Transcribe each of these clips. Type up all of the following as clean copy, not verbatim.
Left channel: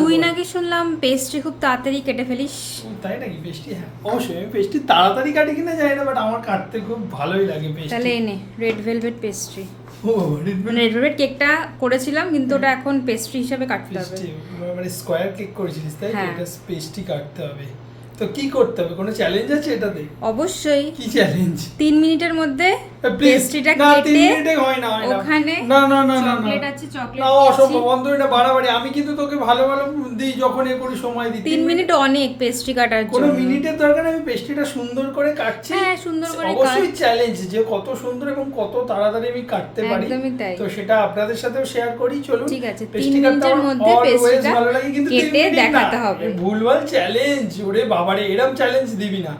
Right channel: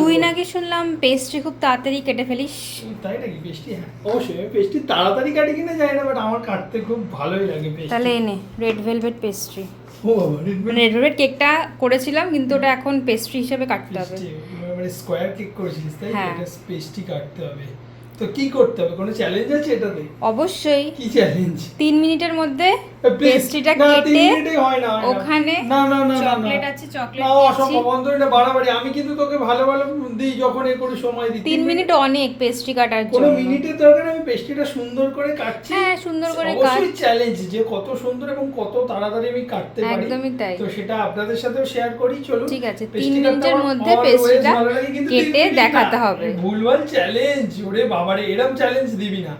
তুই নাকি শুনলাম পেস্ট্রি খুব তাড়াতাড়ি কেটে ফেলিস। তাই নাকি? পেস্ট্রি, হ্যাঁ অবশ্যই আমি পেস্ট্রি তাড়াতাড়ি কাটি কিনা জানি না, বাট আমার কাটতে খুব ভালোই লাগে পেস্ট্রি। তাহলে এনে রেড ভেলভেট পেস্ট্রি। ও রেড মানে রেড ভেলভেট কেকটা করেছিলাম কিন্তু ওটা এখন পেস্ট্রি হিসেবে কাটতে হবে। মানে স্কোয়ার কেক করেছিলিস তাই? হ্যাঁ। এটা পেস্ট্রি কাটতে হবে, তো কি করতে হবে? কোনো চ্যালেঞ্জ আছে এটাতে? অবশ্যই। কি চ্যালেঞ্জ? 3 মিনিটের মধ্যে প্লিজ পেস্ট্রিটা না, 3 কেটে মিনিটে হয় না, ওখানে না না না না চকলেট আছে, চকলেট না, অসম্ভব, অন্তত এটা বাড়াবাড়ি। আমি কিন্তু তোকে ভালো ভালো দিই যখন এ করে সময় দিই। 3 মিনিট অনেক পেস্ট্রি কাটার জন্য। কোনো মিনিটের দরকার নেই, আমি পেস্ট্রিটা সুন্দর করে কাটছি। হ্যাঁ, সুন্দর করে কাট। অবশ্যই চ্যালেঞ্জ যে কত সুন্দর এবং কত তাড়াতাড়ি আমি কাটতে পারি। একদমই তাই। তো সেটা আপনাদের সাথেও শেয়ার করি, চলুন। ঠিক আছে, 3 মিনিটের মধ্যে পেস্ট্রিটা কেটে দেখাতে হবে। ভুলভাল চ্যালেঞ্জ, ওরে বাবারে, এরকম চ্যালেঞ্জ দিবি না।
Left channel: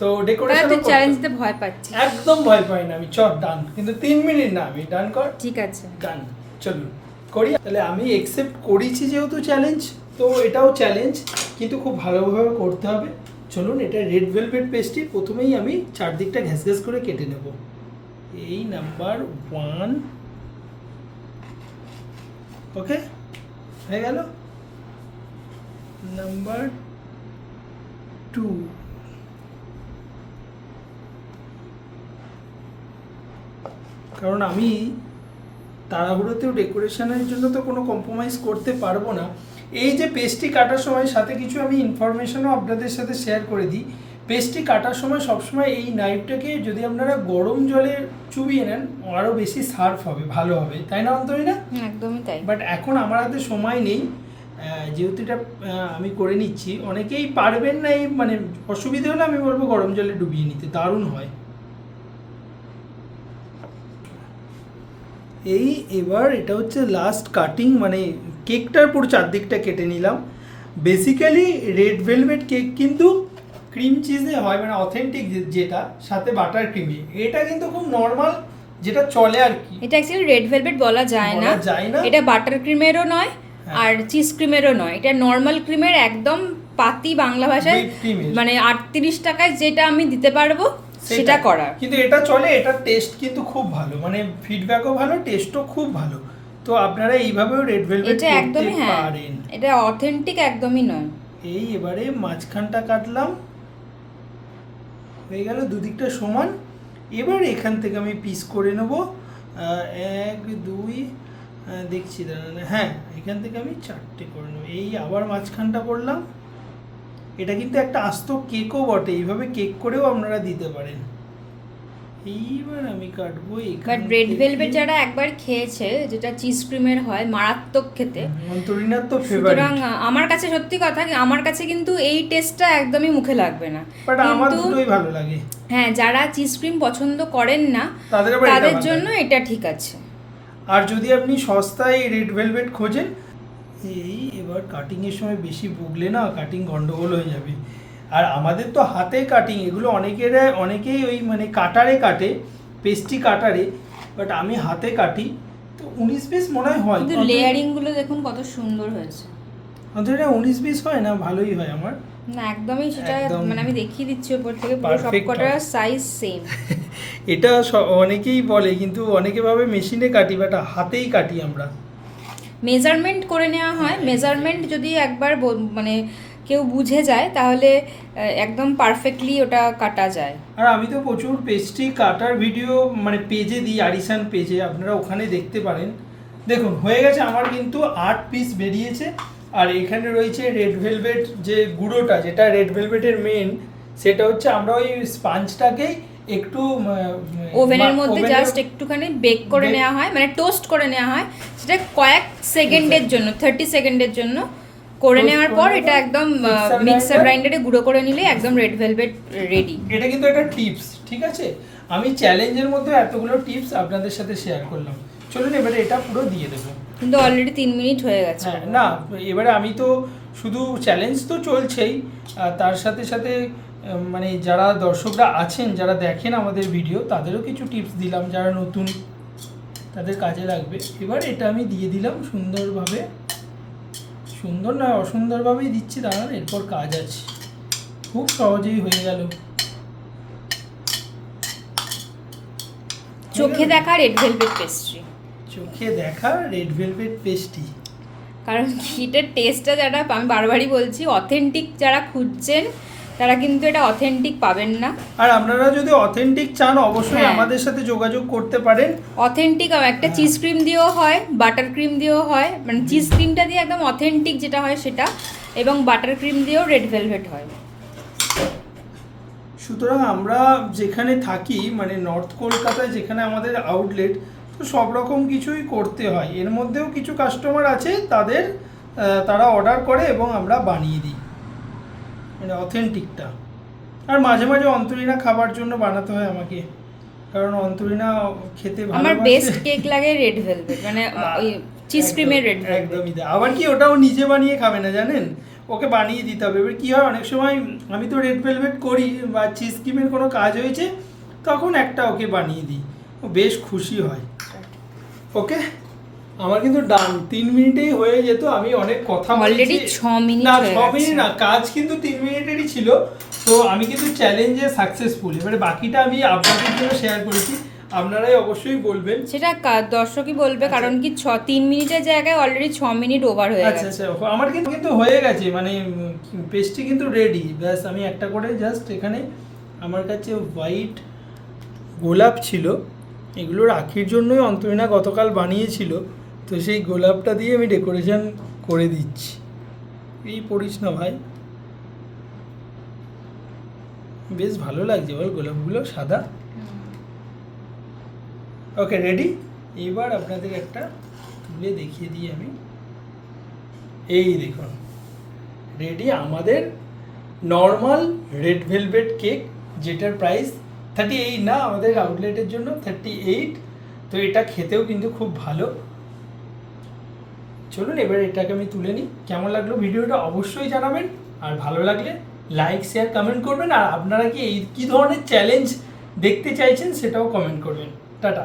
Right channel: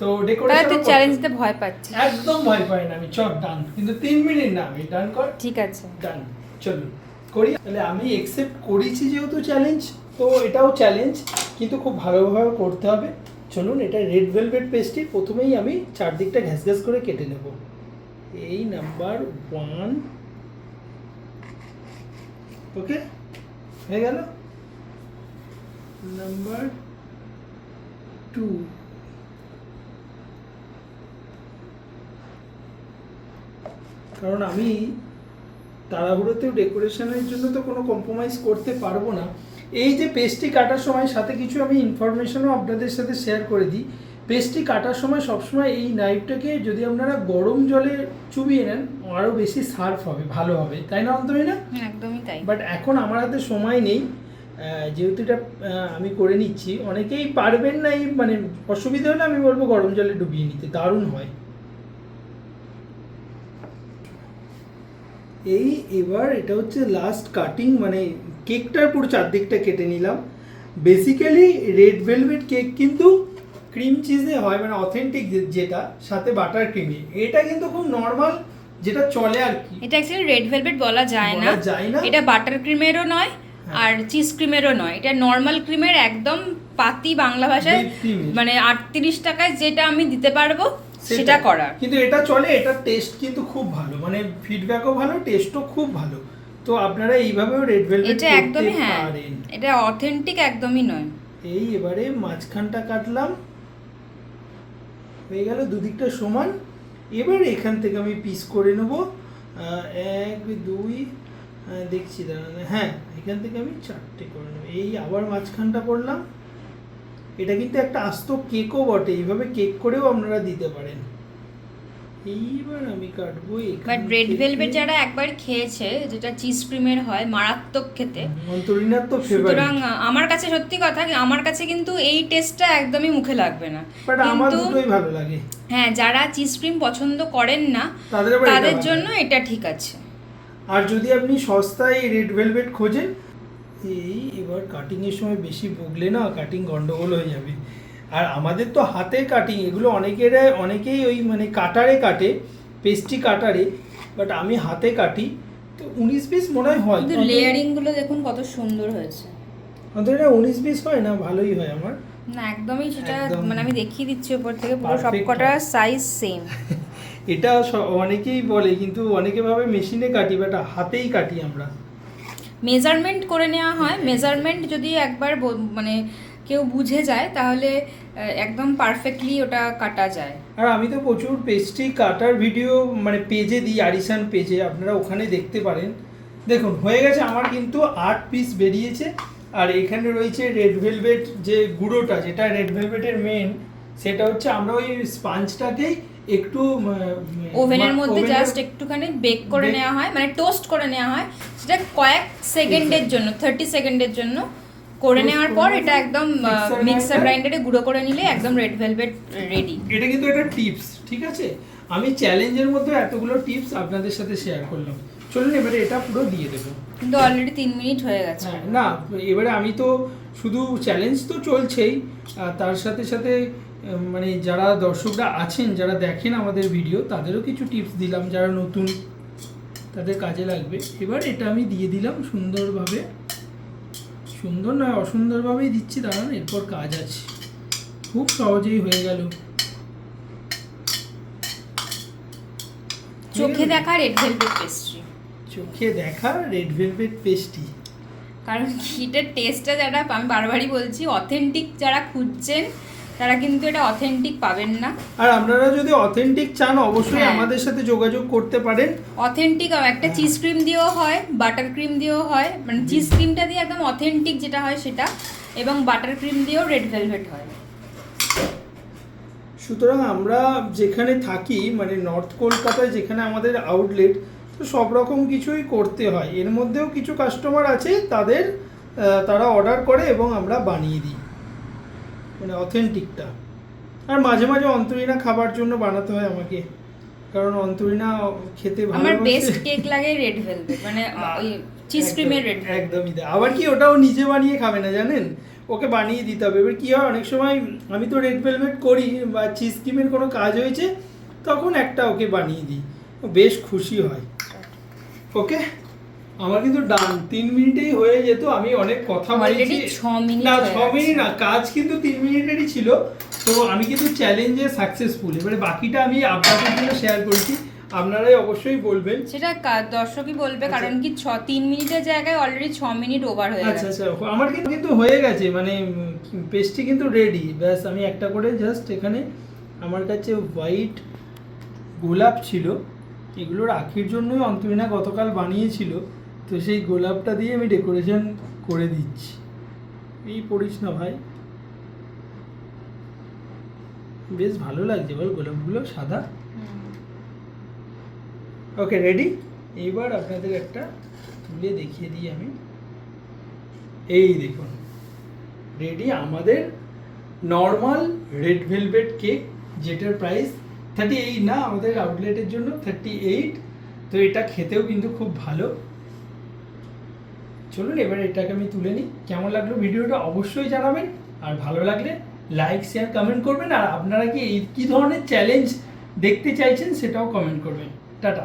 তো তাহলে তুই চ্যালেঞ্জ দিতে ভয় পাচ্ছিস? একদম ভয় পাই না আমি, চল ডান, কিন্তু 3 মিনিট না, আমি ডান কর। ঠিক আছে, ডান, চলুন করি। তাহলে আমি একসেপ্ট করেছি যেহেতু চ্যালেঞ্জ, তো এটাও চ্যালেঞ্জ, কিন্তু খুব ভালোভাবে করতে হবে। চলুন, এটা রেড ভেলভেট পেস্ট্রি। প্রথমেই আমি চারদিকটা ঘ্যাস ঘ্যাস করে কেটে নেব। এই নাম্বার 1, ওকে হয়ে গেল। নাম্বার 2, কারণ আমি তাড়াহুড়োতেও ডেকোরেশনের জন্য তো কোনো কম্প্রোমাইজ করতে পারবো না। এই যে পেস্ট্রি কাটার সময় সাথে কিছু আমি ইনফরমেশনও আপনাদের সাথে শেয়ার করে দিই। পেস্ট্রি কাটার সময় সবসময় এই নাইফটাকে যদি আপনারা গরম জলে চুবিয়ে নেন, আরও বেশি শার্প হবে, ভালো হবে, তাই না অন্তরি না? একদমই তাই। বাট এখন আমার হাতে সময় নেই, যেহেতু এটা আমি করে নিচ্ছি। অনেকেই পারবেন না, এই মানে অসুবিধা হলে আমি বলবো গরম জলে ডুবিয়ে নিতে, দারুণ হয়। এই এবার এটা হচ্ছে লাস্ট কাটিং, মানে কেকটার পুরো চারদিকটা কেটে নিলাম। বেসিক্যালি রেড ভেলভেট কেক কিন্তু ক্রিম চিজে হয়, মানে অথেন্টিক যেটা, সাথে বাটার ক্রিমে। এটা কিন্তু খুব নর্মাল যেটা চলে আর কি। এটা অ্যাকচুয়ালি রেড ভেলভেট বলা যায় না, এটা বাটার ক্রিমেরও নয় আর চিজ ক্রিমেরও নয়, এটা নর্মাল ক্রিমের একদম পাতি বাংলা ভাষায়, মানে 38 টাকায় যেটা আমি দিতে পারবো সেটা করা। কিন্তু এটা চলে, এটা টেস্ট কিন্তু খুব ভালো, মানে ফিডব্যাকও ভালো, টেস্টও খুব ভালো। তো আপনারা এইভাবেও রেড ভেলভেট এটা একদমই, হ্যাঁ পারেন। এটা অথেন্টিক একদমই নয়। এই এবারে মাঝখানটা কাটলাম, হয়ে গেল দুদিকটা সমান। এবার এখান থেকে আমি পিস করে নেব, 1 2, দেখছি দাঁড়ান, হ্যাঁ এখান থেকে আমি 4টে করে নেব। এই আবার মাঝখানটা করলাম। এটা কিন্তু একটা আস্ত কেকও বটে, এইভাবে কেক করেও আপনারা দিতে পারেন। এইবার আমি কাটবো বাট রেড ভেলভেট যারা একবার খেয়েছে, যেটা চিজ ক্রিমের হয়, মারাত্মক খেতে। মন্তরিনার তো ফেভারিট। সুতরাং আমার কাছে সত্যি কথা, আমার কাছে কিন্তু এই টেস্টটা একদমই মুখে লাগবে না, বাট আমার দুটোই ভালো লাগে। হ্যাঁ, যারা চিজ ক্রিম পছন্দ করেন না তাদের জন্য এটা ঠিক আছে। আর যদি আপনি সস্তায় রেড ভেলভেট খোঁজেন, এই এবার কাটিংয়ের সময় বেশি বগলে না, কাটিং গন্ডগোল হয়ে যাবে। আর আমাদের তো হাতে কাটিং, এগুলো অনেকেই ওই মানে কাটারে কাটে, পেস্ট্রি কাটারে, বাট আমি হাতে কাটি। তো 19 পিস মনে হয়। কিন্তু লেয়ারিং গুলো দেখুন কত সুন্দর হয়েছে। আমাদের এটা 19 পিস হয় না, ভালোই হয় আমার। না একদমই সেটা, মানে আমি দেখিয়ে দিচ্ছি উপর থেকে, পুরো সবকটা সাইজ সেম। এটা অনেকেই বলে, কিন্তু অনেকে ভাবে মেশিনে কাটি, বাট হাতেই কাটি আমরা। মেজারমেন্ট করে নেওয়া হয়, মেজারমেন্ট যদি একবার মানে কেউ বুঝে যায় তাহলে একদম পারফেক্টলি ওটা কাটা যায়। আর আমি তো প্রচুর পেস্ট্রি কাটার ভিডিও মানে পেজে দিই, আরিসান পেজে, আপনারা ওখানে দেখতে পারেন। দেখুন হয়ে গেছে আমার, কিন্তু 8 পিস বেরিয়েছে। আর এখানে রয়েছে রেড ভেলভেট যে গুঁড়োটা, যেটা রেড ভেলভেটের মেন, সেটা হচ্ছে আমরা ওই স্পঞ্জটাকেই একটু ওভেনের মধ্যে জাস্ট একটুখানি বেক করে নেওয়া হয়, মানে টোস্ট করে নেওয়া হয়, সেটা কয়েক সেকেন্ডের জন্য, 30 সেকেন্ডের জন্য করে নেওয়ার পর এটা একদম মিক্সার গ্রাইন্ডারে গুঁড়ো করে নিলে একদম রেড ভেলভেট রেডি। এটা কিন্তু একটা টিপস, ঠিক আছে? আমি চ্যালেঞ্জের মধ্যে এতগুলো টিপস আপনাদের সাথে শেয়ার করলাম। চলুন এবারে এটা পুরো দিয়ে দেবো। কিন্তু অলরেডি 3 মিনিট হয়ে গেছে। হ্যাঁ না, এবারে আমি তো শুধু চ্যালেঞ্জ তো চলছেই, তার সাথে সাথে মানে যারা দর্শকরা আছেন, যারা দেখেন আমাদের ভিডিও, তাদেরও কিছু টিপস দিলাম, যারা নতুন তাদের কাজে লাগবে। এবার এটা আমি দিয়ে দিলাম সুন্দরভাবে, সুন্দর নয় অসুন্দরভাবেই দিচ্ছি, দাঁড়ান এরপর কাজ আছে, খুব সহজেই হয়ে গেল। চোখে দেখা রেড ভেলভেট পেস্ট্রি, চোখে দেখা রেড ভেলভেট পেস্ট্রি। কারণ এটার টেস্টটা যারা, আমি বারবারই বলছি, অথেন্টিক যারা খুঁজছেন তারা কিন্তু এটা অথেন্টিক পাবেন না। আর আপনারা যদি অথেন্টিক চান অবশ্যই হ্যাঁ। আমাদের সাথে যোগাযোগ করতে পারেন। অথেন্টিক একটা হ্যাঁ। চিজ ক্রিম দিয়েও হয়, বাটার ক্রিম দিয়েও হয়, মানে চিজ ক্রিমটা দিয়ে একদম অথেন্টিক যেটা হয় সেটা, এবং বাটার ক্রিম দিয়েও রেড ভেলভেট হয়। সুতরাং আমরা যেখানে থাকি মানে নর্থ কলকাতায় যেখানে আমাদের আউটলেট, তো সব রকম কিছুই করতে হয়। এর মধ্যেও কিছু কাস্টমার আছে তারা অর্ডার করে এবং আমরা বানিয়ে দিই মানে অথেন্টিকটা। আর মাঝে মাঝে অন্তরীণা খাবার জন্য বানাতে হয় আমাকে, কারণ অন্তরীণা খেতে আমার ভালোবাসে। বেস্ট কেক লাগে রেড ভেলভেট, মানে ওই চিজ ক্রিমের রেড ভেলভেট। একদমই তাই। আবার কি ওটাও নিজে বানিয়ে খাবে না জানেন, ওকে বানিয়ে দিতে হবে। এবার কী হয়, অনেক সময় আমি তো রেড ভেলভেট করি বা চিজ ক্রিমের কোনো কাজ হয়েছে তখন একটা ওকে বানিয়ে দিই, ও বেশ খুশি হয়। ওকে, আমার কিন্তু ডান 3 মিনিটেই হয়ে যেত। আমি অনেক কথা অলরেডি বলেছি। 6 মিনিট না, হয়ে 6 মিনিট গেছে। না, কাজ কিন্তু 3 মিনিটেরই ছিল। তো আমি কিন্তু চ্যালেঞ্জে সাকসেসফুল। এবারে বাকিটা আমি আপনাদের জন্য শেয়ার করেছি, আপনারাই অবশ্যই বলবেন। সেটা দর্শকই বলবে, আচ্ছা। কারণ কি 3 মিনিটের জায়গায় অলরেডি 6 মিনিট ওভার হয়ে আচ্ছা গেছে। আচ্ছা, আমার কিন্তু হয়ে গেছে, মানে পেস্ট্রি কিন্তু রেডি। ব্যাস আমি একটা করে জাস্ট এখানে আমার কাছে হোয়াইট গোলাপ ছিল, এগুলো রাখির জন্যই অন্তরীণা গতকাল বানিয়েছিল, তো সেই গোলাপটা দিয়ে আমি ডেকোরেশন করে দিচ্ছি। এই পড়িস না ভাই, বেশ ভালো লাগছে ভাই গোলাপগুলো সাদা। ওকে, রেডি। এবার আপনাদের একটা তুলে দেখিয়ে দিই আমি। এই দেখুন, রেডি আমাদের নর্মাল রেড ভেলভেট কেক, যেটার প্রাইস 38 না, আমাদের আউটলেটের জন্য 38। তো এটা খেতেও কিন্তু খুব ভালো। চলুন এবার এটাকে আমি তুলে নিই। কেমন লাগলো ভিডিওটা অবশ্যই জানাবেন, আর ভালো লাগলে লাইক শেয়ার কমেন্ট করবেন। আর আপনারা কি ধরনের চ্যালেঞ্জ দেখতে চাইছেন সেটাও কমেন্ট করবেন। টাটা।